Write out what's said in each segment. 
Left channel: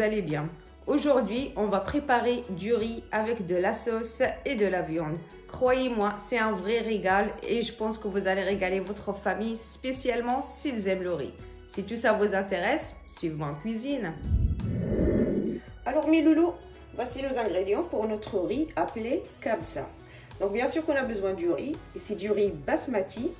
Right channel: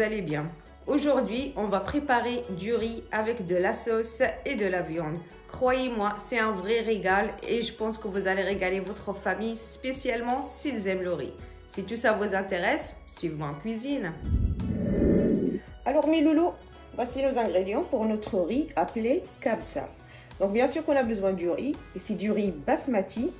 vous allez bien. Aujourd'hui, on va préparer du riz avec de la sauce et de la viande. Croyez-moi, c'est un vrai régal et je pense que vous allez régaler votre famille, spécialement s'ils aiment le riz. Si tout ça vous intéresse, suivez-moi en cuisine. Alors mes loulous, voici nos ingrédients pour notre riz appelé kabsa. Donc bien sûr qu'on a besoin du riz, et c'est du riz basmati.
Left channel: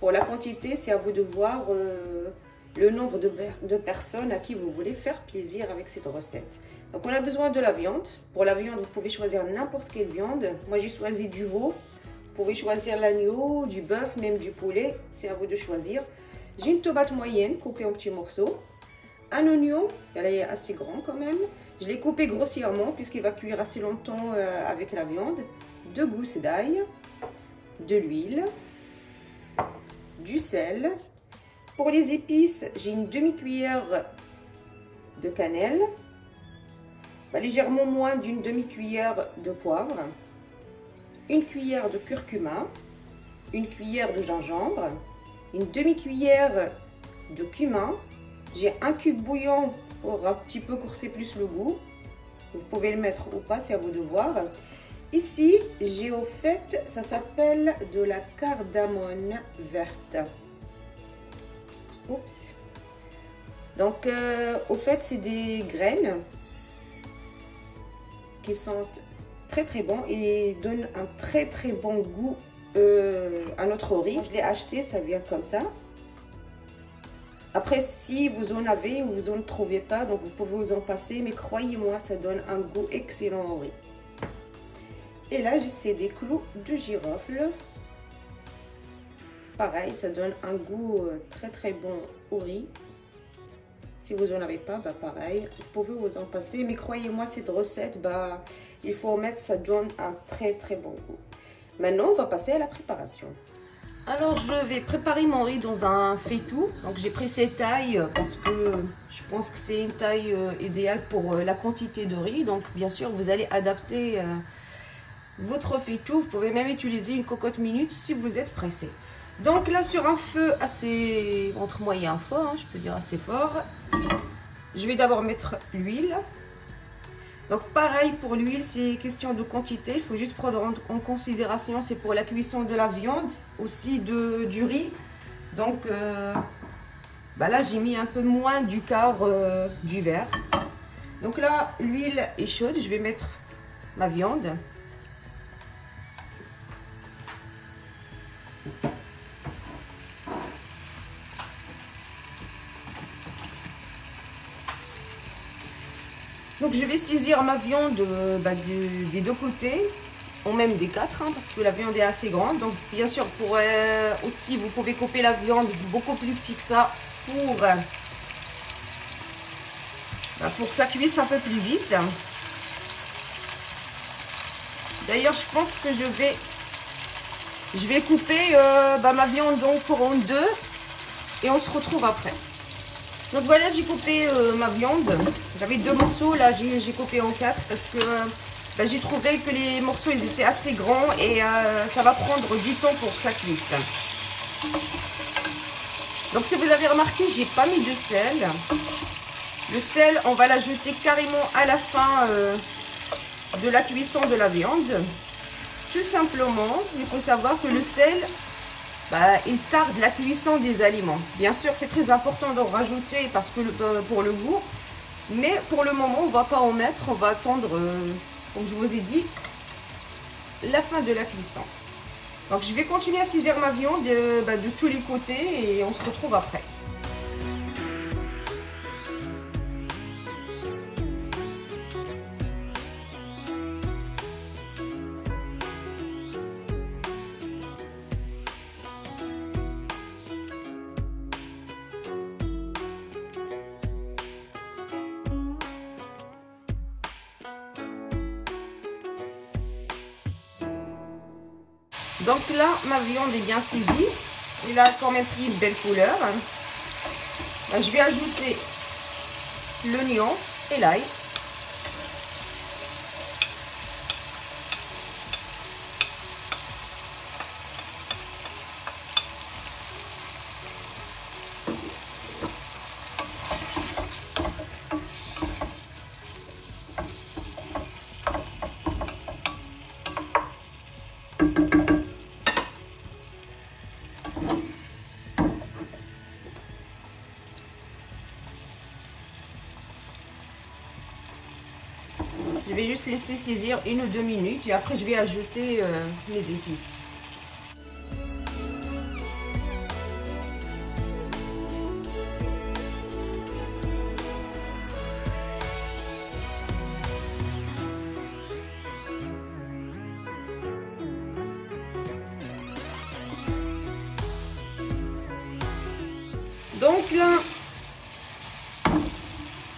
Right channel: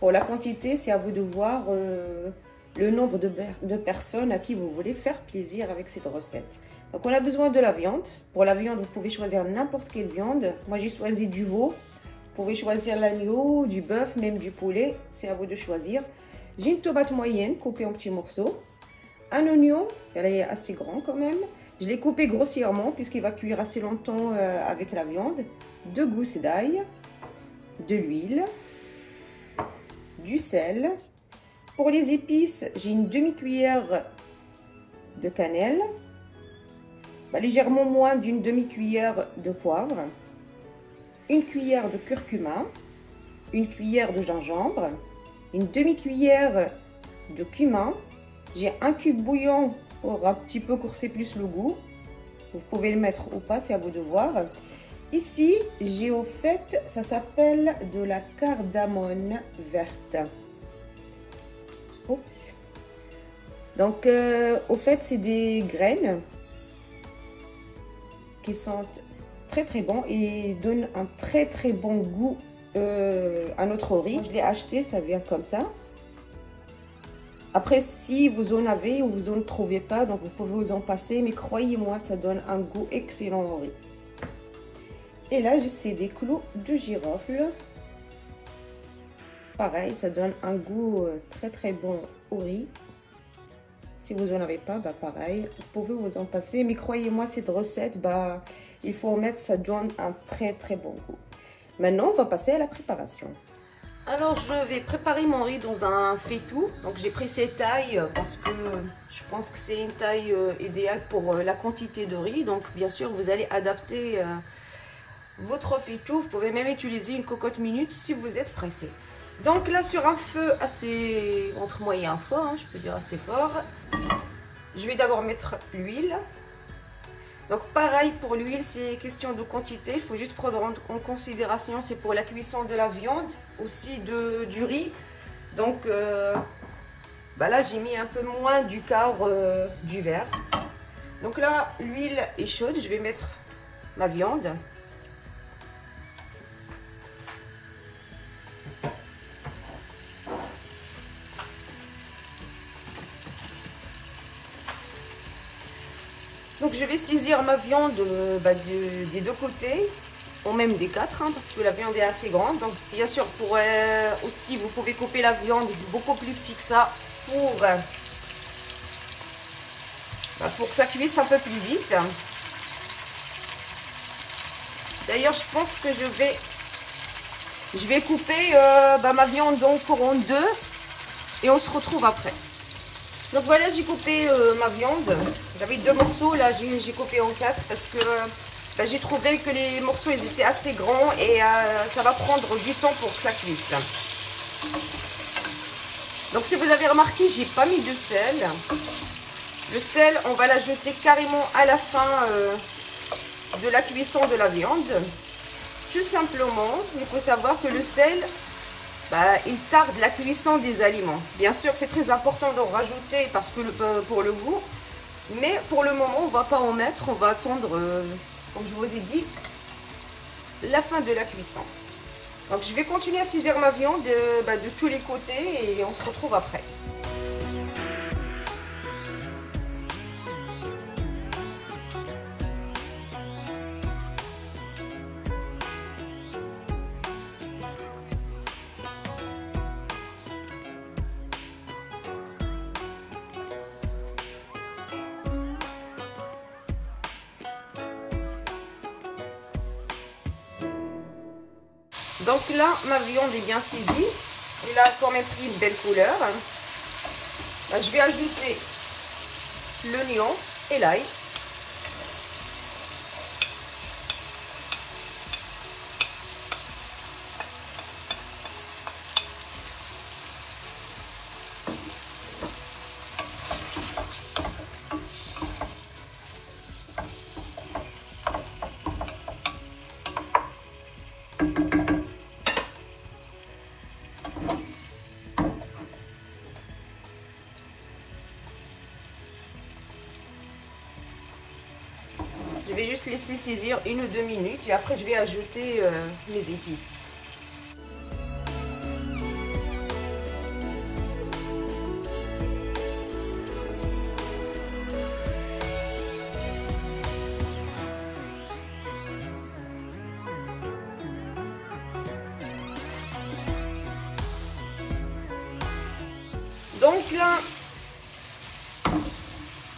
Pour la quantité, c'est à vous de voir le nombre de personnes à qui vous voulez faire plaisir avec cette recette. Donc on a besoin de la viande. Pour la viande, vous pouvez choisir n'importe quelle viande. Moi j'ai choisi du veau. Vous pouvez choisir l'agneau, du bœuf, même du poulet. C'est à vous de choisir. J'ai une tomate moyenne coupée en petits morceaux. Un oignon, elle est assez grand quand même. Je l'ai coupé grossièrement puisqu'il va cuire assez longtemps avec la viande. 2 gousses d'ail, de l'huile, du sel. Pour les épices, j'ai une demi-cuillère de cannelle, légèrement moins d'une demi-cuillère de poivre, une cuillère de curcuma, une cuillère de gingembre, une demi-cuillère de cumin. J'ai un cube bouillon pour un petit peu courser plus le goût. Vous pouvez le mettre ou pas, c'est à vous de voir. Ici, j'ai au fait, ça s'appelle de la cardamone verte. Oups. Donc, au fait, c'est des graines qui sentent très très bon et donnent un très très bon goût à notre riz. Je l'ai acheté, ça vient comme ça. Après, si vous en avez ou vous en trouvez pas, donc vous pouvez vous en passer, mais croyez-moi, ça donne un goût excellent au riz. Et là, j'ai des clous de girofle. Pareil, ça donne un goût très très bon au riz. Si vous n'en avez pas, pareil, vous pouvez vous en passer. Mais croyez-moi, cette recette, il faut en mettre, ça donne un très très bon goût. Maintenant, on va passer à la préparation. Alors, je vais préparer mon riz dans un faitout. Donc, j'ai pris cette taille parce que je pense que c'est une taille idéale pour la quantité de riz. Donc, bien sûr, vous allez adapter votre faitout. Vous pouvez même utiliser une cocotte minute si vous êtes pressé. Donc là, sur un feu assez entre moyen et fort, je peux dire assez fort, je vais d'abord mettre l'huile. Donc pareil pour l'huile, c'est question de quantité. Il faut juste prendre en considération, c'est pour la cuisson de la viande, aussi du riz. Donc là, j'ai mis un peu moins du quart du verre. Donc là, l'huile est chaude, je vais mettre ma viande. Donc je vais saisir ma viande des deux côtés, ou même des quatre, parce que la viande est assez grande. Donc bien sûr, aussi vous pouvez couper la viande beaucoup plus petit que ça pour que ça cuise un peu plus vite. D'ailleurs, je pense que je vais couper ma viande donc en deux et on se retrouve après. Donc voilà, j'ai coupé ma viande. J'avais 2 morceaux, là j'ai coupé en 4 parce que j'ai trouvé que les morceaux ils étaient assez grands et ça va prendre du temps pour que ça cuise. Donc si vous avez remarqué, j'ai pas mis de sel. Le sel, on va l'ajouter carrément à la fin de la cuisson de la viande. Tout simplement, il faut savoir que le sel, il tarde la cuisson des aliments. Bien sûr, c'est très important d'en rajouter parce que pour le goût. Mais pour le moment, on ne va pas en mettre. On va attendre, comme je vous ai dit, la fin de la cuisson. Donc, je vais continuer à saisir ma viande de tous les côtés et on se retrouve après. Donc là, ma viande est bien saisie. Il a quand même pris une belle couleur. Je vais ajouter l'oignon et l'ail. Je vais juste laisser saisir 1 ou 2 minutes et après je vais ajouter les épices. Donc là,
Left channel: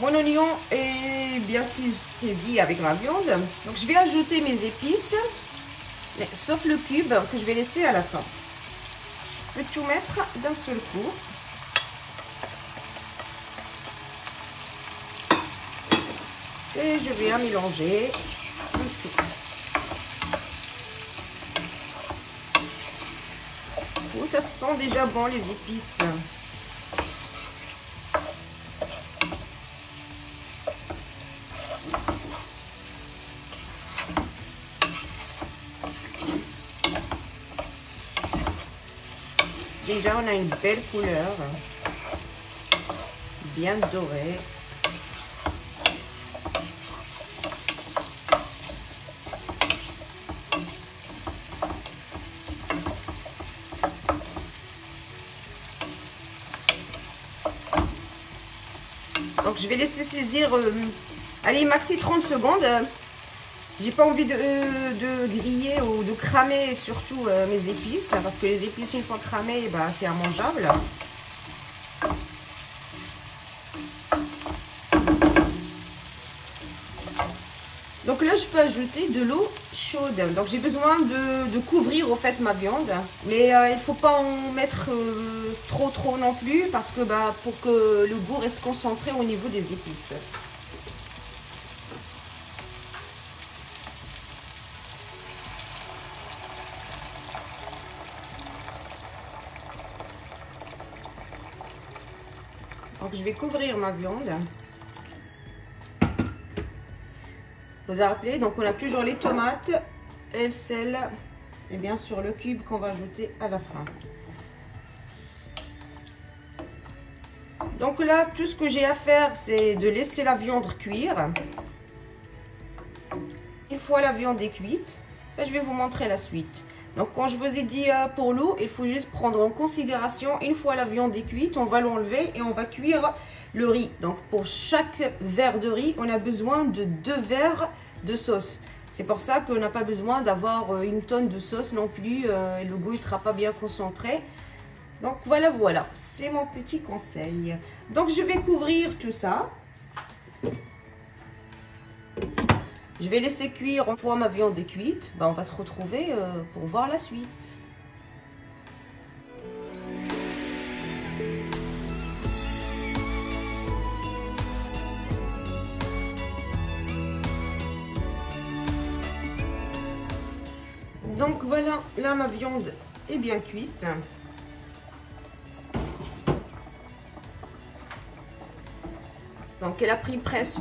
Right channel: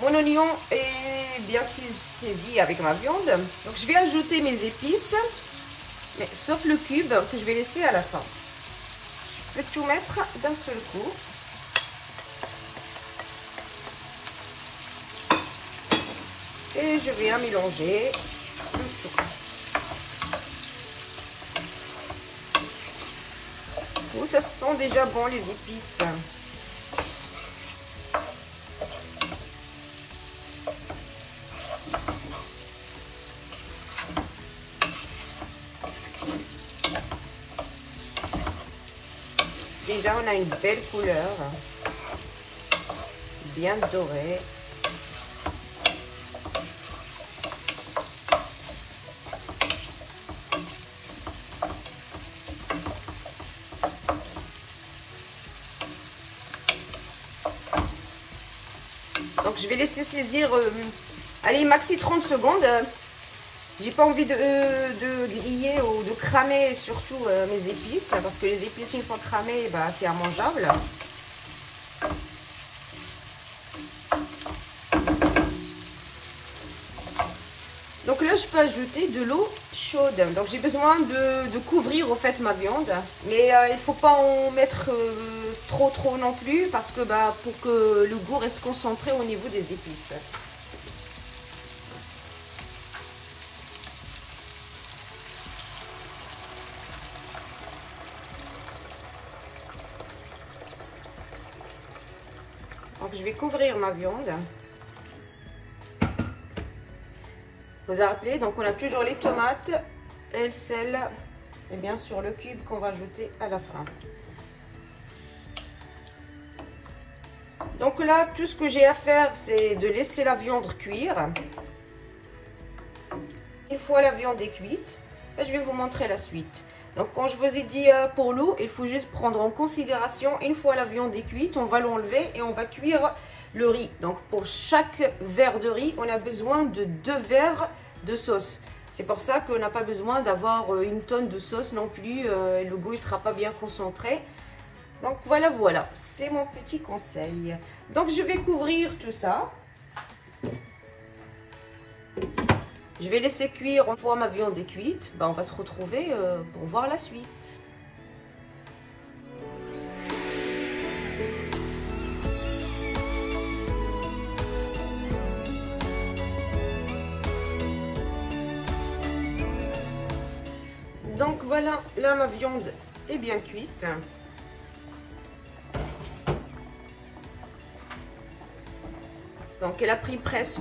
mon oignon est bien saisi avec ma viande. Donc je vais ajouter mes épices, mais sauf le cube que je vais laisser à la fin. Je peux tout mettre d'un seul coup. Et je viens mélanger. Oh, ça sent déjà bon les épices. Déjà, on a une belle couleur, bien dorée. Donc, je vais laisser saisir, allez, maxi 30 secondes. J'ai pas envie de griller ou de cramer surtout mes épices, parce que les épices une fois cramées, bah, c'est immangeable. Donc là je peux ajouter de l'eau chaude. Donc j'ai besoin de couvrir en fait ma viande, mais il faut pas en mettre trop non plus, parce que bah, pour que le goût reste concentré au niveau des épices. Donc je vais couvrir ma viande. Vous vous rappelez, donc on a toujours les tomates et le sel et bien sûr le cube qu'on va ajouter à la fin. Donc là, tout ce que j'ai à faire, c'est de laisser la viande cuire. Une fois la viande est cuite, je vais vous montrer la suite. Donc quand je vous ai dit pour l'eau, il faut juste prendre en considération, une fois la viande est cuite, on va l'enlever et on va cuire le riz. Donc pour chaque verre de riz, on a besoin de 2 verres de sauce. C'est pour ça qu'on n'a pas besoin d'avoir 1 tonne de sauce non plus, le goût ne sera pas bien concentré. Donc voilà, c'est mon petit conseil. Donc je vais couvrir tout ça. Je vais laisser cuire. Une fois ma viande est cuite, ben on va se retrouver pour voir la suite. Donc voilà, là ma viande est bien cuite. Donc elle a pris presque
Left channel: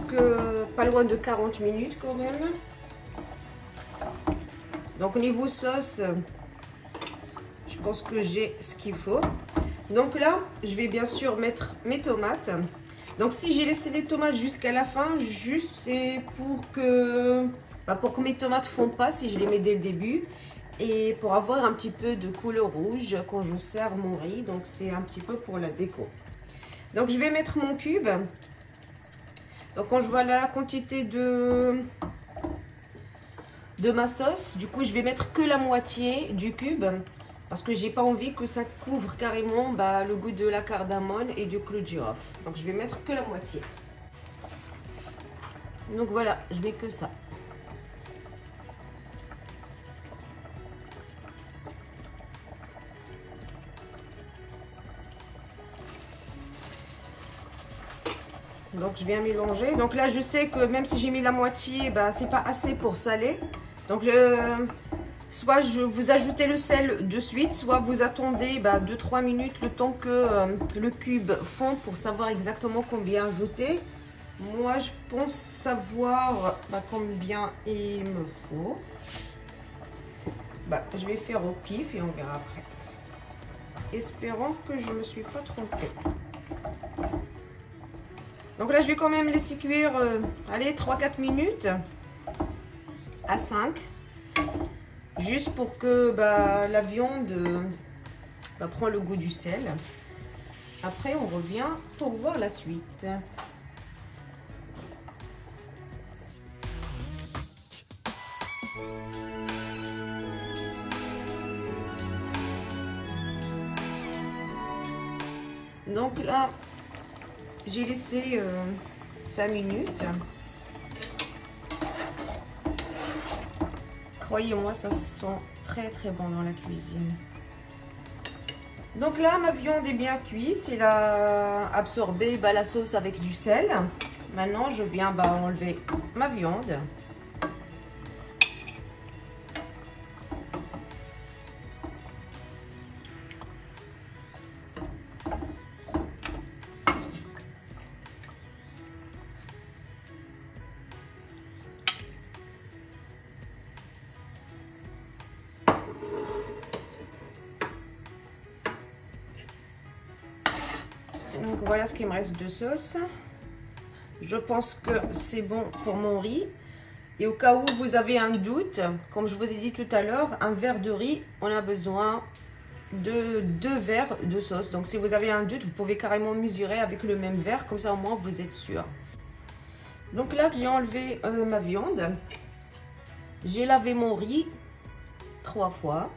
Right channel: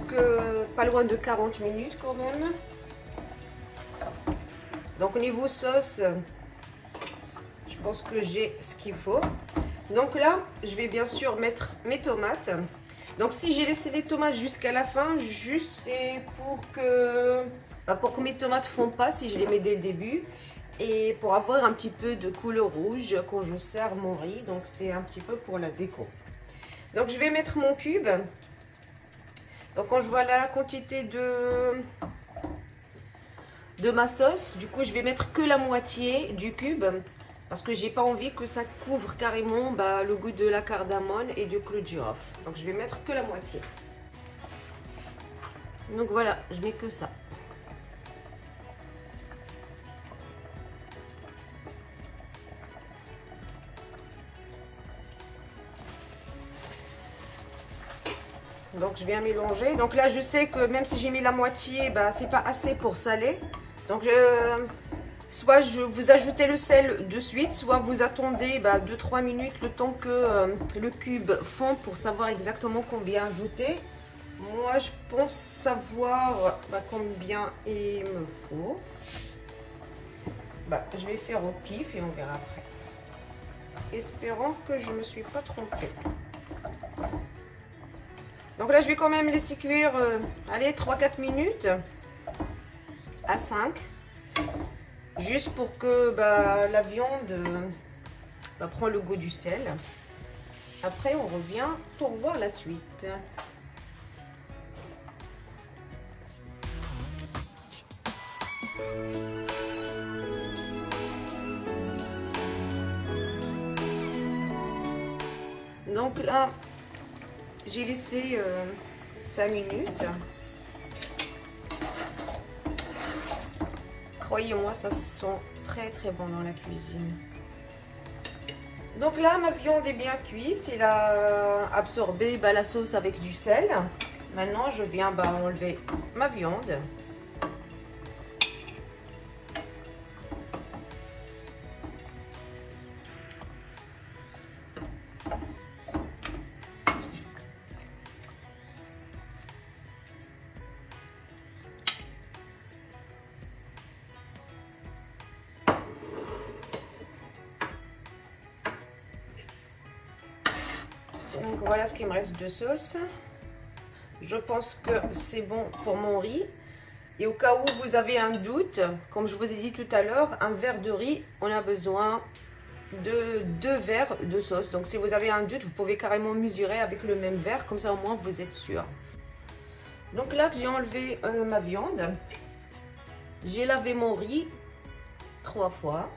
pas loin de 40 minutes quand même. Donc au niveau sauce, je pense que j'ai ce qu'il faut. Donc là, je vais bien sûr mettre mes tomates. Donc si j'ai laissé les tomates jusqu'à la fin, juste c'est pour que mes tomates ne fondent pas si je les mets dès le début. Et pour avoir un petit peu de couleur rouge quand je sers mon riz. Donc c'est un petit peu pour la déco. Donc je vais mettre mon cube. Donc quand je vois la quantité de ma sauce, du coup je vais mettre que la moitié du cube. Parce que j'ai pas envie que ça couvre carrément le goût de la cardamone et du clou de girofle. Donc je vais mettre que la moitié. Donc voilà, je mets que ça. Donc je viens mélanger. Donc là je sais que même si j'ai mis la moitié, c'est pas assez pour saler. Donc soit vous ajoutez le sel de suite, soit vous attendez 2-3 minutes le temps que le cube fond pour savoir exactement combien ajouter. Moi je pense savoir combien il me faut. bah, je vais faire au pif et on verra après. Espérons que je ne me suis pas trompée. Donc là, je vais quand même laisser cuire, allez, 3-4 minutes à 5. Juste pour que bah, la viande prend le goût du sel. Après, on revient pour voir la suite. Donc là, j'ai laissé 5 minutes. Croyez-moi, ça sent très bon dans la cuisine. Donc là, ma viande est bien cuite. Il a absorbé la sauce avec du sel. Maintenant, je viens enlever ma viande. Donc voilà ce qu'il me reste de sauce. Je pense que c'est bon pour mon riz. Et au cas où vous avez un doute, comme je vous ai dit tout à l'heure, un verre de riz, on a besoin de 2 verres de sauce. Donc si vous avez un doute, vous pouvez carrément mesurer avec le même verre, comme ça au moins vous êtes sûr. Donc là, j'ai enlevé ma viande. J'ai lavé mon riz 3 fois.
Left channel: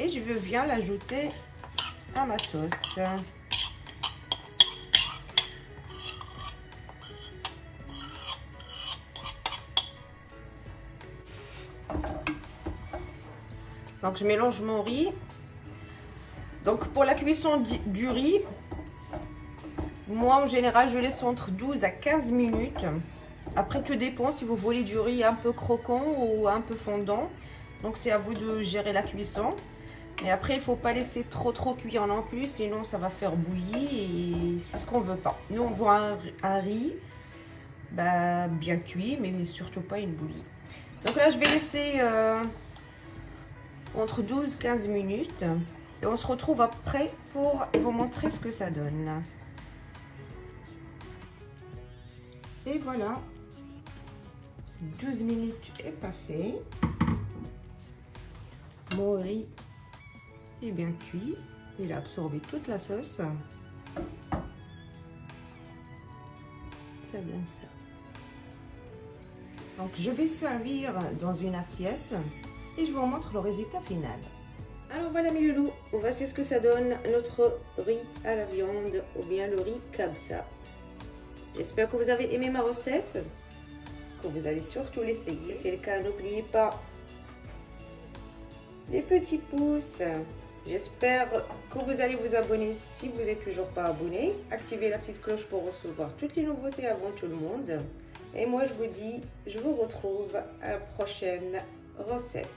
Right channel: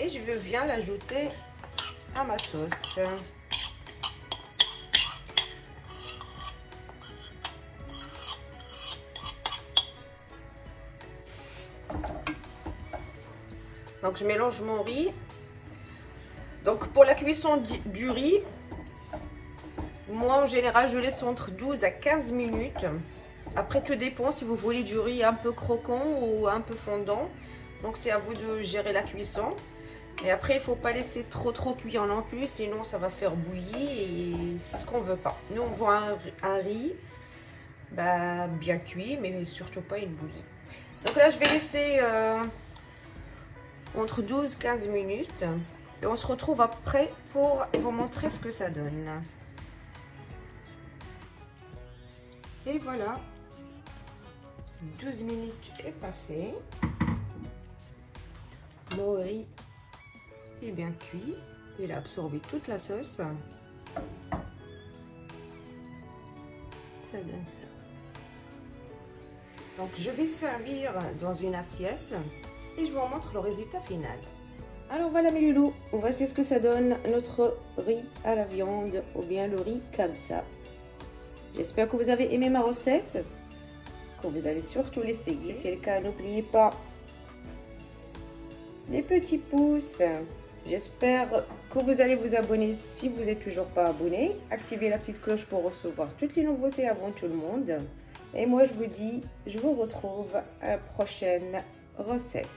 Et je viens l'ajouter à ma sauce. Donc je mélange mon riz. Donc pour la cuisson du riz, moi en général je laisse entre 12 à 15 minutes. Après tout dépend si vous voulez du riz un peu croquant ou un peu fondant. Donc c'est à vous de gérer la cuisson. Et après il ne faut pas laisser trop cuire non plus, sinon ça va faire bouillir et c'est ce qu'on ne veut pas. Nous on veut un riz bien cuit, mais surtout pas une bouillie. Donc là je vais laisser entre 12 et 15 minutes et on se retrouve après pour vous montrer ce que ça donne. Et voilà, 12 minutes est passé, mon riz est bien cuit, il a absorbé toute la sauce, ça donne ça. Donc je vais servir dans une assiette et je vous montre le résultat final. Alors voilà mes loulous, voici ce que ça donne notre riz à la viande ou bien le riz kabsa. J'espère que vous avez aimé ma recette, que vous allez surtout l'essayer. Si c'est le cas, n'oubliez pas les petits pouces. J'espère que vous allez vous abonner si vous n'êtes toujours pas abonné. Activez la petite cloche pour recevoir toutes les nouveautés avant tout le monde. Et moi je vous dis, je vous retrouve à la prochaine recette.